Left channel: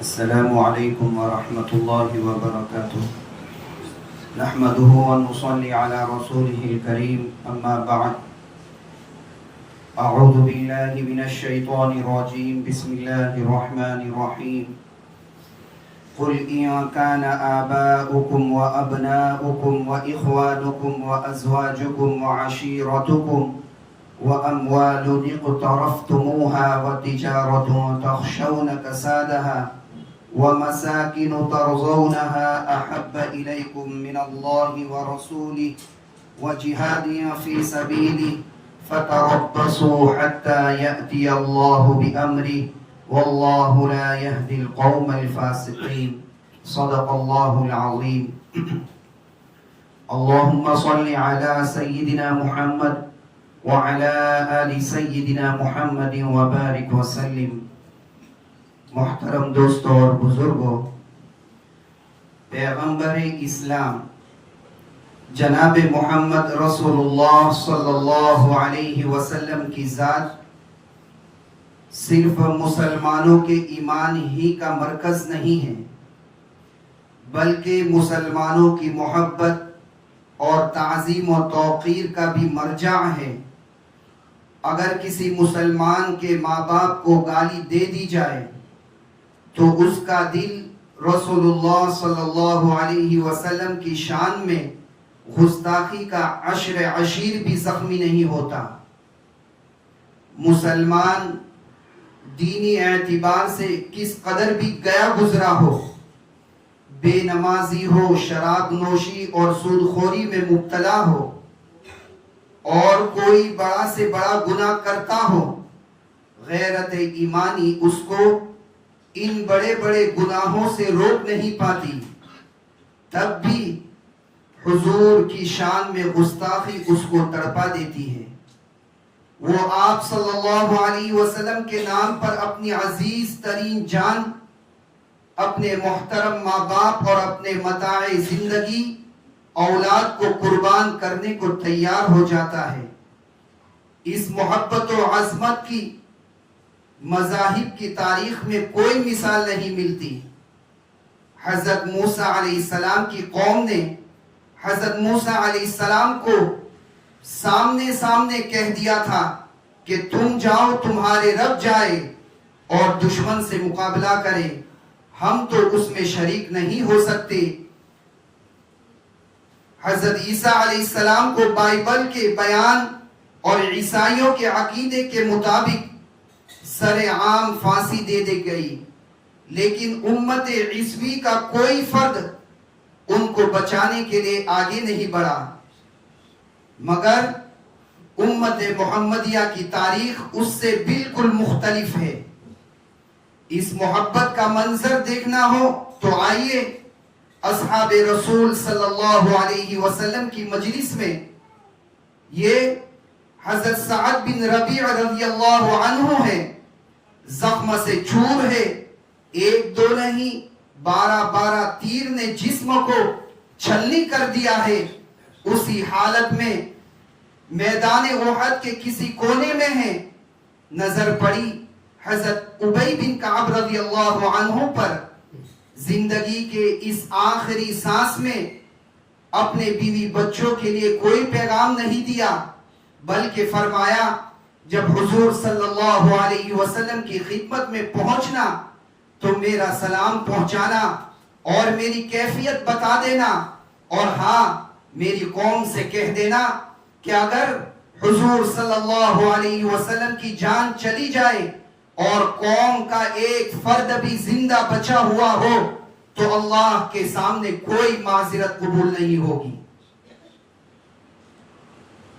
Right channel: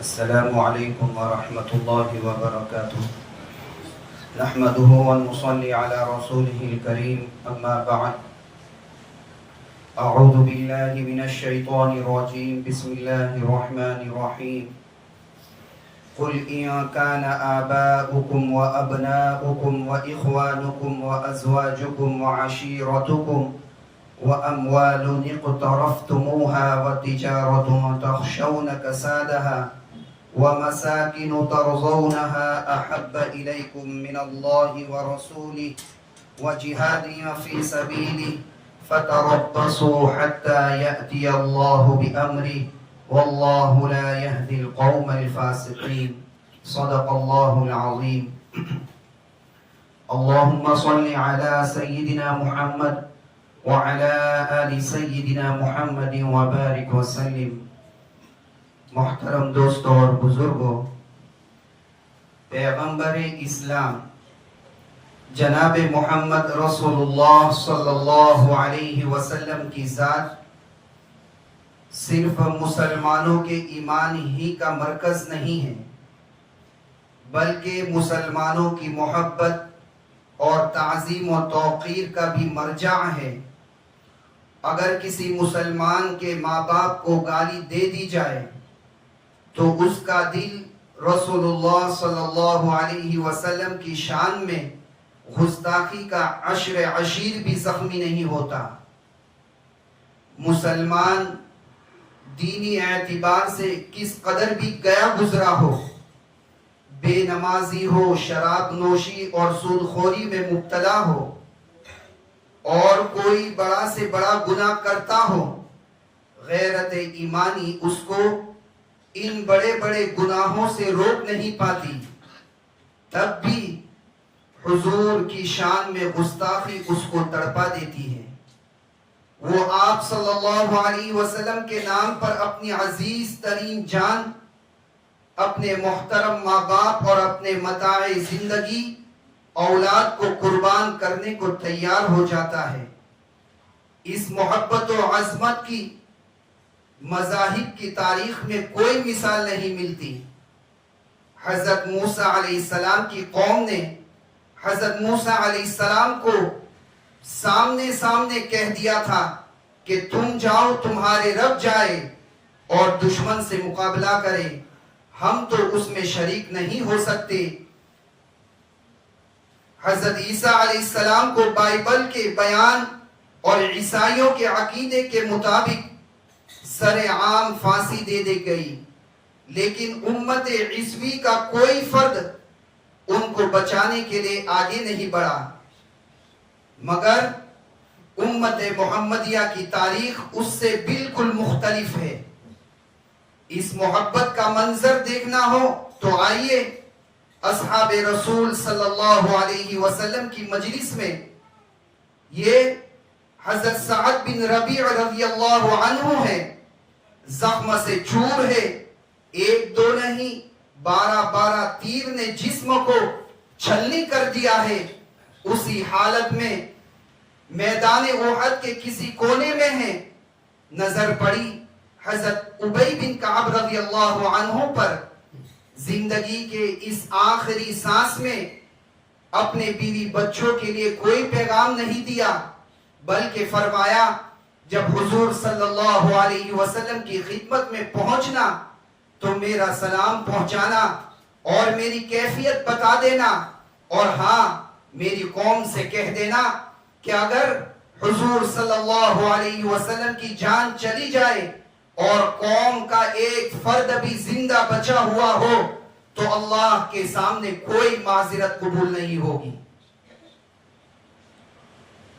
السلام عليكم ورحمة الله وبركاته. نحمده ونصلي على رسوله الكريم، أما بعد. أعوذ بالله من الشيطان الرجيم. بسم الله الرحمن الرحيم. قل إن كان آباؤكم وأبناؤكم وإخوانكم وأزواجكم وعشيرتكم وأموال اقترفتموها وتجارة تخشون كسادها ومساكن ترضونها أحب إليكم من الله ورسوله وجهاد في سبيله فتربصوا حتى يأتي الله بأمره والله لا يهدي القوم الفاسقين. صدق الله العظيم. اللهم صل على سيدنا محمد وعلى آل سيدنا محمد وبارك وسلم. محترم دوستوں اور بزرگوں، پیغمبر اسلام جناب محمد رسول اللہ صلی اللہ علیہ وسلم کی ذات صرف مسلمانوں کے ایمان ہی کا مرکز نہیں ہے، بلکہ مسلمانوں کی محبت اور تعظیم و توقیر کا بھی مرجع ہے. اگر کسی مسلمان کے ماں باپ کو گالی دے دی جائے تو اس کا دل رسول اللہ صلی اللہ علیہ وسلم کی شان میں گستاخی کا عشر عشیر بھی زخمی نہیں ہوتا. مسلمان دینی اعتبار سے کس قدر بھی گیا گزرا ہو، بے نمازی ہو، شراب نوشی اور سود خوری میں مبتلا ہو، اور کوئی بڑا سے بڑا گناہ کرتا ہو، غیرت ایمانی اس کو ان بڑے بڑے گناہوں سے روک نہیں پاتی، تب بھی حضور کی شان میں گستاخی اس کو تڑپا دیتی ہے. وہ آپ صلی اللہ علیہ وسلم کے نام پر اپنی عزیز ترین جان، اپنے محترم ماں باپ اور اپنے متاع زندگی اولاد کو قربان کرنے کو تیار ہو جاتا ہے. اس محبت و عظمت کی مذاہب کی تاریخ میں کوئی مثال نہیں ملتی. حضرت موسیٰ علیہ السلام کی قوم نے حضرت موسیٰ علیہ السلام کو سامنے کہہ دیا تھا کہ تم جاؤ، تمہارے رب جائے اور دشمن سے مقابلہ کرے، ہم تو اس میں شریک نہیں ہو سکتے. حضرت عیسیٰ علیہ السلام کو بائبل کے بیان اور عیسائیوں کے عقیدے کے مطابق سر عام پھانسی دے دی گئی، لیکن امت عیسوی کا کوئی فرد ان کو بچانے کے لیے آگے نہیں بڑھا. مگر امت محمدیہ کی تاریخ اس سے بالکل مختلف ہے. اس محبت کا منظر دیکھنا ہو تو آئیے اصحاب رسول صلی اللہ علیہ وسلم کی مجلس میں یہ حضرت سعد بن ربیع رضی اللہ عنہ ہے. زخم سے چور ہے، ایک دو نہیں 12 تیر نے جسم کو چھلنی کر دیا ہے. اسی حالت میں میدان احد کے کسی کونے میں ہے. نظر پڑی حضرت ابی بن کعب رضی اللہ عنہ پر. زندگی کے اس آخری سانس میں اپنے بیوی بچوں کے لیے کوئی پیغام نہیں دیا، بلکہ فرمایا جب حضور صلی اللہ علیہ وسلم کی خدمت میں پہنچنا تو میرا سلام پہنچانا اور میری کیفیت بتا دینا، اور ہاں میری قوم سے کہہ دینا کہ اگر حضور صلی اللہ علیہ وسلم کی جان چلی جائے اور قوم کا ایک فرد بھی زندہ بچا ہوا ہو تو اللہ کے سامنے کوئی معذرت قبول نہیں ہوگی.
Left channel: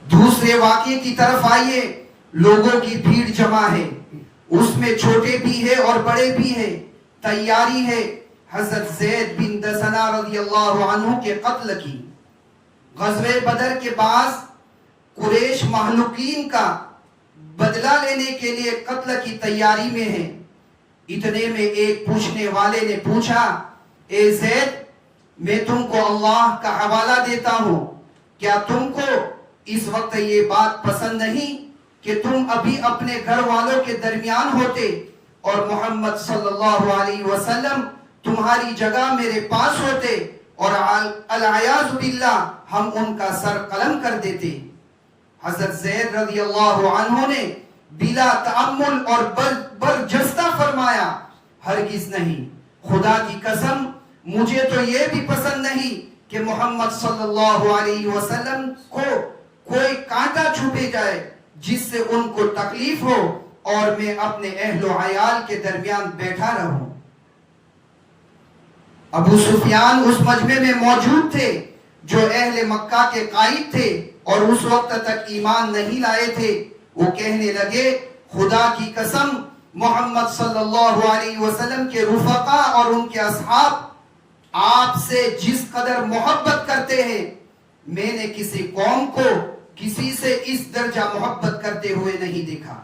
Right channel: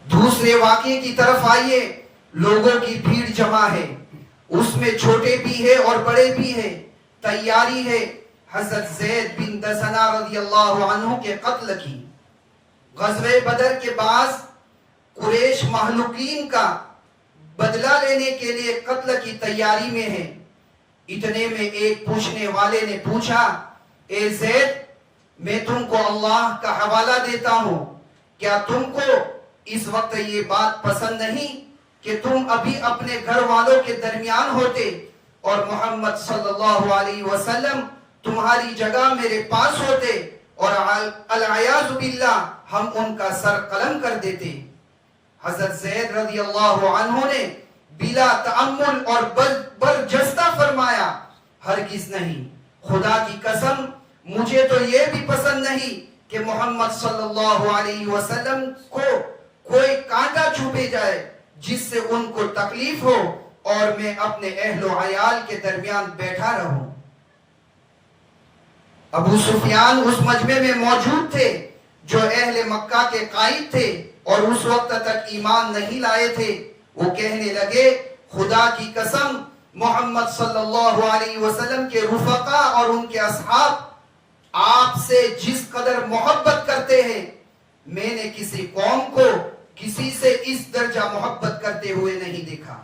دوسرے واقعے کی طرف آئیے. لوگوں کی بھیڑ جمع ہے، اس میں چھوٹے بھی ہے اور بڑے بھی ہے. تیاری ہے حضرت زید بن دسنہ رضی اللہ عنہ کے قتل کی. غزوہ بدر کے بعد قریش مہلوکین کا بدلہ لینے کے لیے قتل کی تیاری میں ہے. اتنے میں ایک پوچھنے والے نے پوچھا، اے زید، میں تم کو اللہ کا حوالہ دیتا ہوں، کیا تم کو اس وقت یہ بات پسند نہیں کہ تم ابھی اپنے گھر والوں کے درمیان ہوتے اور محمد صلی اللہ علیہ وسلم تمہاری جگہ میرے پاس ہوتے اور العیاذ باللہ ہم ان کا سر قلم کر دیتے. حضرت زید رضی اللہ عنہ نے بلا تأمل اور برجستہ فرمایا ہرگز نہیں، خدا کی قسم مجھے تو یہ بھی پسند نہیں کہ محمد صلی اللہ علیہ وسلم کو کوئی کانٹا چھپے جائے جس سے ان کو تکلیف ہو اور میں اپنے اہل و عیال کے درمیان بیٹھا رہوں. ابو سفیان اس مجمع میں موجود تھے جو اہل مکہ کے قائد تھے اور اس وقت تک ایمان نہیں لائے تھے. وہ کہنے لگے خدا کی قسم محمد صلی اللہ علیہ وسلم کے رفقا اور ان کے اصحاب آپ سے جس قدر محبت کرتے ہیں میں نے کسی قوم کو کسی سے اس درجہ محبت کرتے ہوئے نہیں دیکھا.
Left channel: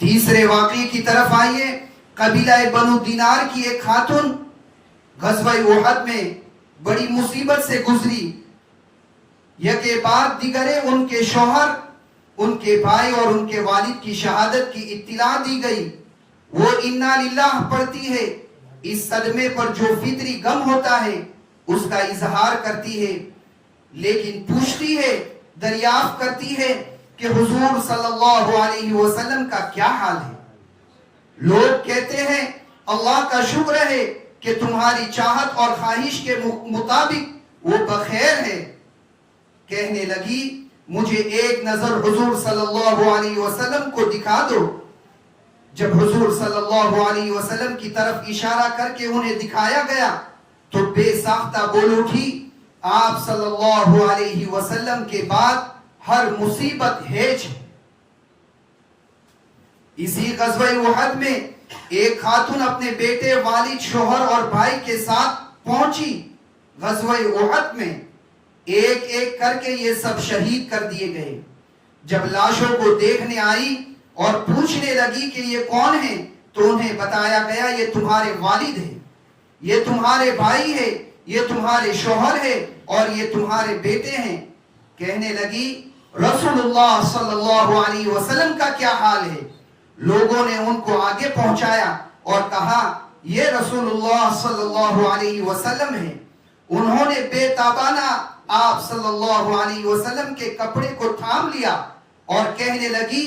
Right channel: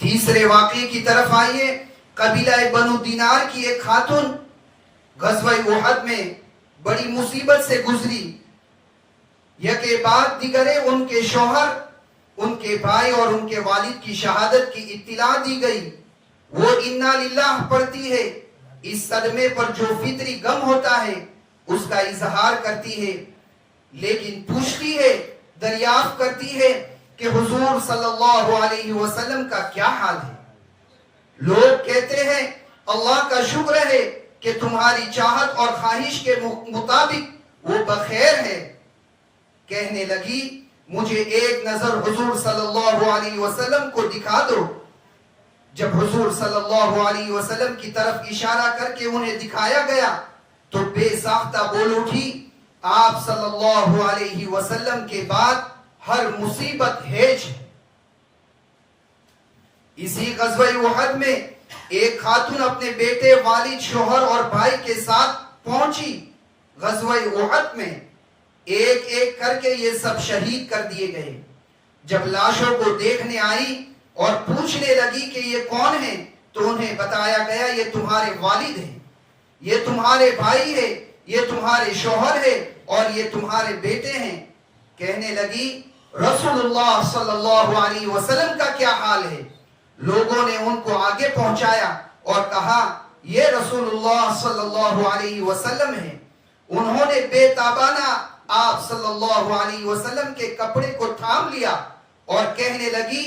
تیسرے واقعے کی طرف آئیے. قبیلہ بنو دینار کی ایک خاتون غزوہ احد میں بڑی مصیبت سے گزری. یکے بعد دیگرے ان کے شوہر، ان کے بھائی اور ان کے والد کی شہادت کی اطلاع دی گئی. وہ انا للہ پڑھتی ہے. اس صدمے پر جو فطری غم ہوتا ہے اس کا اظہار کرتی ہے، لیکن پوچھتی ہے، دریافت کرتی ہے کہ حضور صلی اللہ علیہ وسلم کا کیا حال ہے. لوگ کہتے ہیں اللہ کا شکر ہے کہ تمہاری چاہت اور خواہش کے مطابق وہ بخیر ہے. کہنے لگی مجھے ایک نظر حضور صلی اللہ علیہ وسلم کو دکھا دو. جب حضور صلی اللہ علیہ وسلم کی طرف اشارہ کر کے انہیں دکھایا گیا تو بے ساختہ بول اٹھی آپ صلی اللہ علیہ وسلم کے بعد ہر مصیبت ہیج ہے. اسی غزوہ احد میں ایک خاتون اپنے بیٹے، والد، شوہر اور بھائی کے ساتھ پہنچی. غزوہ احد میں ایک ایک کر کے یہ سب شہید کر دیے گئے. جب لاشوں کو دیکھنے آئی اور پوچھنے لگی کہ یہ کون ہیں تو انہیں بتایا گیا یہ تمہارے والد ہیں، یہ تمہارے بھائی ہیں، یہ تمہارے شوہر ہیں اور یہ تمہارے بیٹے ہیں. کہنے لگی رسول اللہ صلی اللہ علیہ وسلم کا کیا حال ہے. لوگوں نے ان کو آگے پہنچایا اور کہا یہ رسول اللہ صلی اللہ علیہ وسلم ہیں. انہوں نے بے تابانہ آپ صلی اللہ علیہ وسلم کے کپڑے کو تھام لیا اور کہنے لگی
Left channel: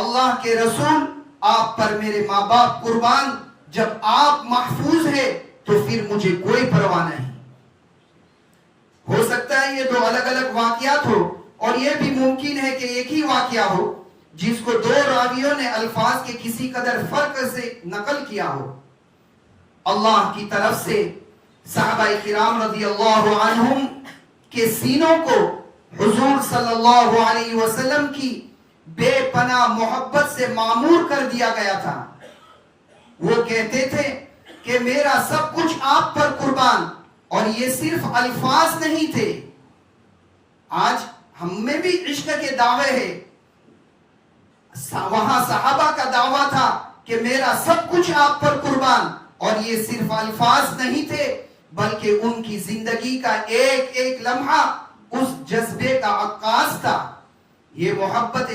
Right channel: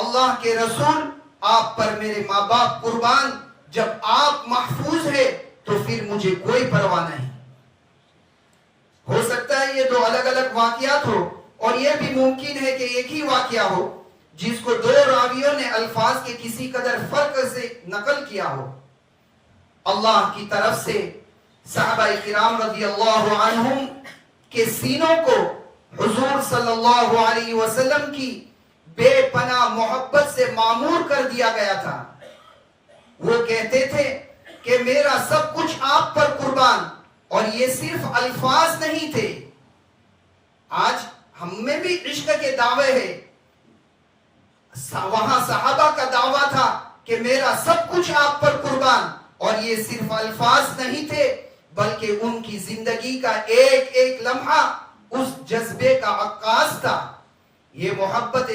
اللہ کے رسول آپ پر میرے ماں باپ قربان، جب آپ محفوظ ہیں تو پھر مجھے کوئی پرواہ نہیں. ہو سکتا ہے یہ دو الگ الگ واقعات ہو اور یہ بھی ممکن ہے کہ ایک ہی واقعہ ہو جس کو دو راویوں نے الفاظ کے کسی قدر فرق سے نقل کیا ہو. اللہ کی طرف سے صحابہ کرام رضی اللہ عنہم کے سینوں کو حضور صلی اللہ علیہ وسلم کی بے پناہ محبت سے معمور کر دیا گیا تھا. وہ کہتے تھے کہ میرا سب کچھ آپ پر قربان، اور یہ صرف الفاظ نہیں تھے. آج ہم میں بھی عشق کے دعوے ہیں. وہاں صحابہ کا دعویٰ تھا کہ میرا سب کچھ آپ پر قربان، اور یہ صرف الفاظ نہیں تھے بلکہ ان کی زندگی کا ایک ایک لمحہ اس جذبے کا عکاس تھا. یہ محبت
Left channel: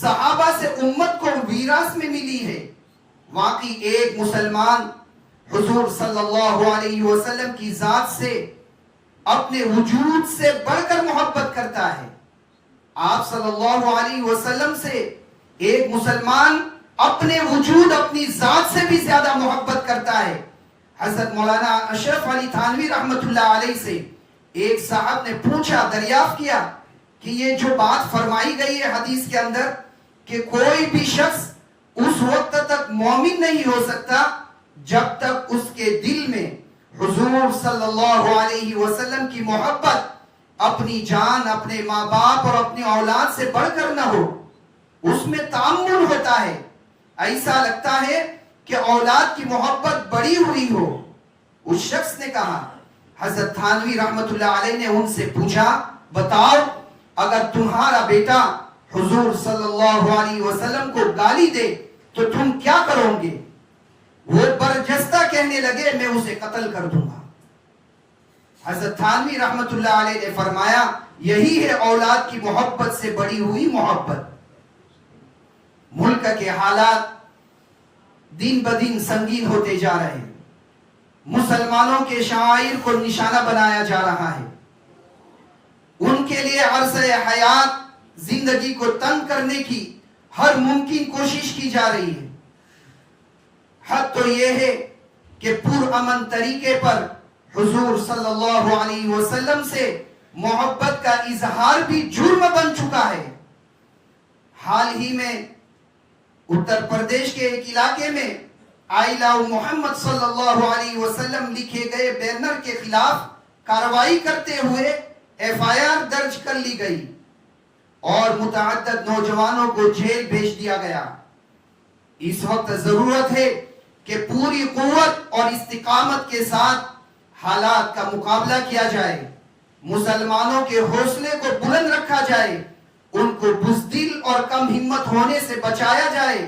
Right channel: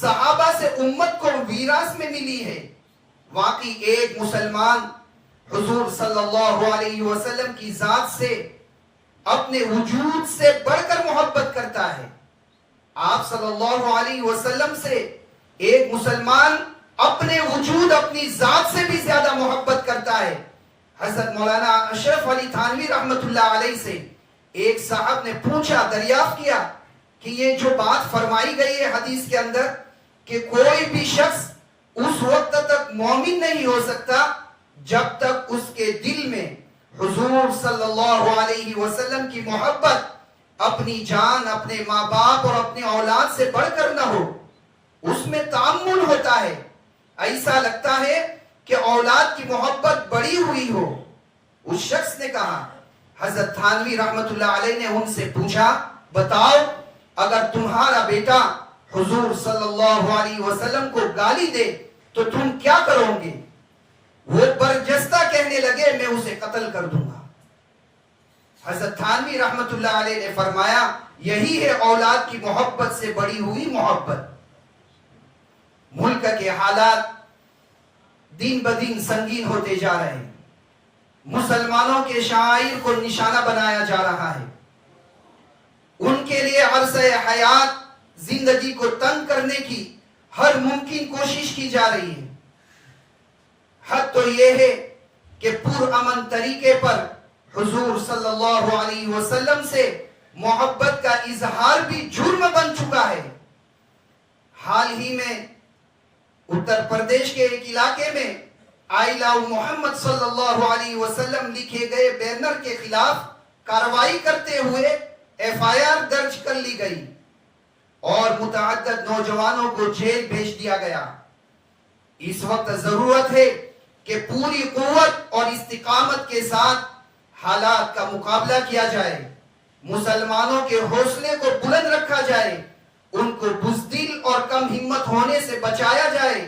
صحابہ سے امت کو ویراثت میں ملی ہے. واقعی ایک مسلمان حضور صلی اللہ علیہ وسلم کی ذات سے اپنے وجود سے بڑھ کر محبت کرتا ہے. آپ صلی اللہ علیہ وسلم سے ایک مسلمان اپنے وجود، اپنی ذات سے بھی زیادہ محبت کرتا ہے. حضرت مولانا اشرف علی تھانوی رحمت اللہ علیہ سے ایک صاحب نے پوچھا، دریافت کیا کہ یہ جو بات فرمائی گئی ہے حدیث کے اندر کہ کوئی بھی شخص اس وقت تک مومن نہیں ہو سکتا جب تک اس کے دل میں حضور صلی اللہ علیہ وسلم کی محبت اپنی جان، اپنے ماں باپ اور اپنی اولاد سے بڑھ کر نہ ہو. اس میں تامل ہوتا ہے، ایسا لگتا ہے کہ اولاد کی محبت بڑی ہوئی ہو. اس شخص نے کہا، حضرت تھانوی رحمت اللہ علیہ نے ان سے پوچھا بتاؤ اگر تمہارا بیٹا حضور صلی اللہ علیہ وسلم کو گالی دے تو تم کیا کرو گے؟ وہ برجستہ کہنے لگے میں اسے قتل کر دوں گا. حضرت تھانوی رحمت اللہ علیہ نے فرمایا یہی ہے اولاد کی محبت سے بڑی ہوئی محبت. ملک کے حالات دن بدن سنگین ہوتے جا رہے ہیں. مسلمانوں کے شعائر کو نشانہ بنایا جا رہا ہے. ان کے لیے عرصہ حیات زندگی کو تنگ کرنے کی ہر ممکن کوشش کی جا رہی ہے. حد تو یہ ہے کہ پرامن طریقے پر حضور صلی اللہ علیہ وسلم سے محبت کا اظہار بھی جرم بن چکا ہے. حال ہی میں اتر پردیش کے ایک علاقے میں آئی لو محمد صلی اللہ علیہ وسلم لکھے گئے بینر کے خلاف کارروائی کرتے ہوئے FIR درج کر لی گئی اور متعدد نوجوانوں کو جیل بھیج دیا گیا. اس وقت ضرورت ہے کہ پوری قوت اور استقامت کے ساتھ حالات کا مقابلہ کیا جائے. مسلمانوں کے حوصلے کو بلند رکھا جائے. ان کو بزدل اور کم ہمت ہونے سے بچایا جائے.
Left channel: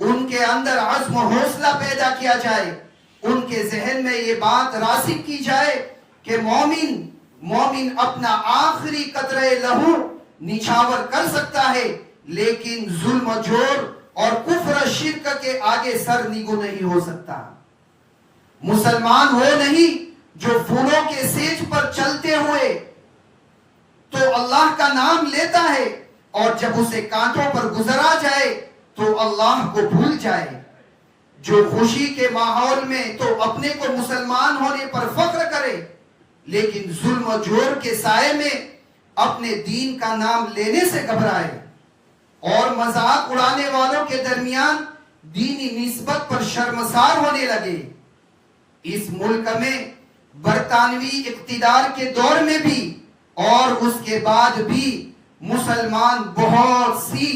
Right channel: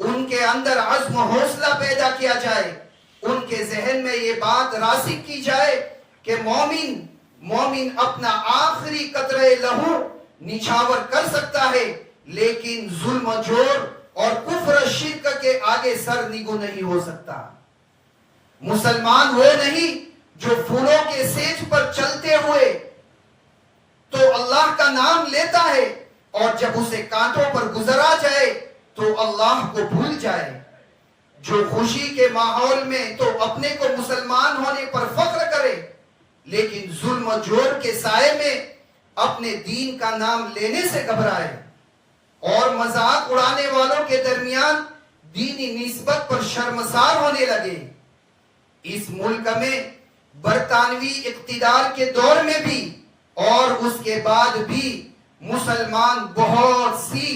ان کے اندر عزم و حوصلہ پیدا کیا جائے. ان کے ذہن میں یہ بات راسخ کی جائے کہ مومن اپنا آخری قطرے لہو نچھاور کر سکتا ہے لیکن ظلم و جور اور کفر شرک کے آگے سر نگو نہیں ہو سکتا. مسلمان وہ نہیں جو پھولوں کے سیج پر چلتے ہوئے تو اللہ کا نام لیتا ہے اور جب اسے کانٹوں پر گزرا جائے تو اللہ کو بھول جائے. جو خوشی کے ماحول میں تو اپنے کو مسلمان ہونے پر فخر کرے لیکن ظلم و جور کے سائے میں اپنے دین کا نام لینے سے گھبرائے اور مذاق اڑانے والوں کے درمیان دینی نسبت پر شرمسار ہونے لگے. اس ملک میں برطانوی اقتدار کے دور میں بھی اور اس کے بعد بھی مسلمان بہت سی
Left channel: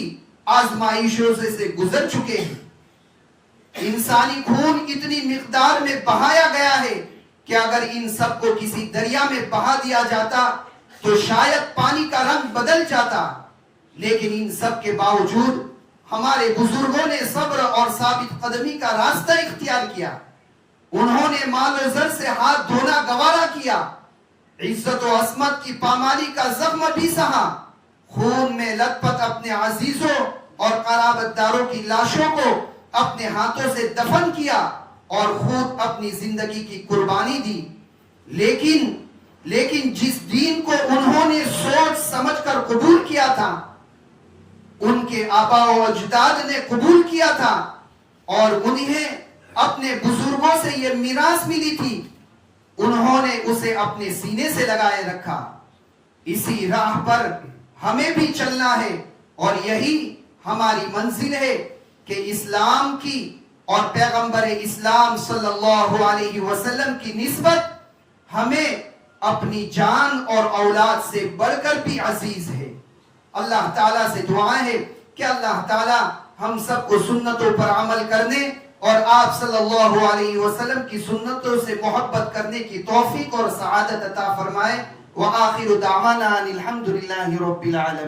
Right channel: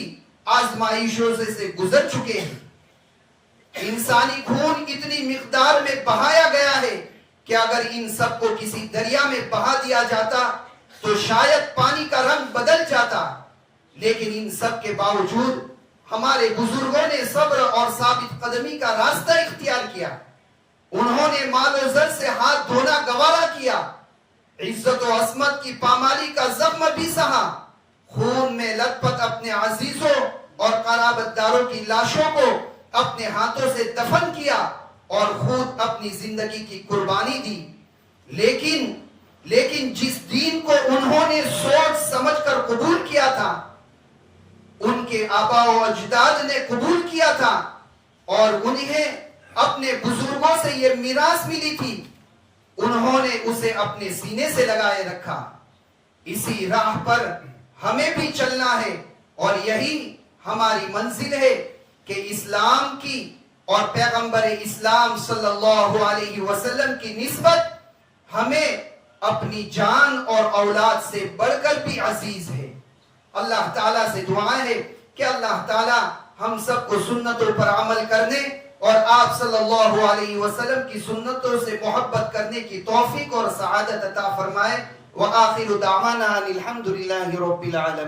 آزمائشوں سے گزر چکے ہیں. انسانی خون اتنی مقدار میں بہایا گیا ہے کہ اگر ان سب کو کسی دریا میں بہا دیا جاتا تو شاید پانی کا رنگ بدل جاتا. لیکن ان سب کے باوجود ہمارے بزرگوں نے صبر اور ثابت قدمی کا راستہ اختیار کیا. انہوں نے مال و زر سے ہاتھ دھونا گوارا کیا. عزت و عصمت کی پامالی کا زخم بھی سہا. خون میں لت پت اپنے عزیزوں اور قرابت داروں کی لاشوں کو اپنے ہاتھوں سے دفن کیا اور خود اپنی زندگی کی قربانی دی. لیکن جس دین کو انہوں نے سوچ سمجھ کر قبول کیا تھا ان کے آبا و اجداد نے قبول کیا تھا اور انہیں اپنے بزرگوں سے یہ میراث ملی تھی انہوں نے اسے اپنے سینے سے لگائے رکھا. اسی راہ پر ہمیں بھی چلنا ہے اور یہی ہماری منزل ہے کہ اسلام کی اور پیغمبر اسلام صلی اللہ علیہ وسلم کی نسبت ہمیں اپنی جان اور اولاد سے بڑھ کر بھی عزیز ہے. اللہ تعالیٰ سے دعائیں ہے کہ اللہ تعالیٰ ہم سب کو سنتوں پر عمل کرنے اور آپ صلی اللہ علیہ وسلم کی سنتوں سے محبت کرنے کی توفیق اور سعادت عطا فرمائے. وآخر دعوانا الحمد للہ رب العالمین.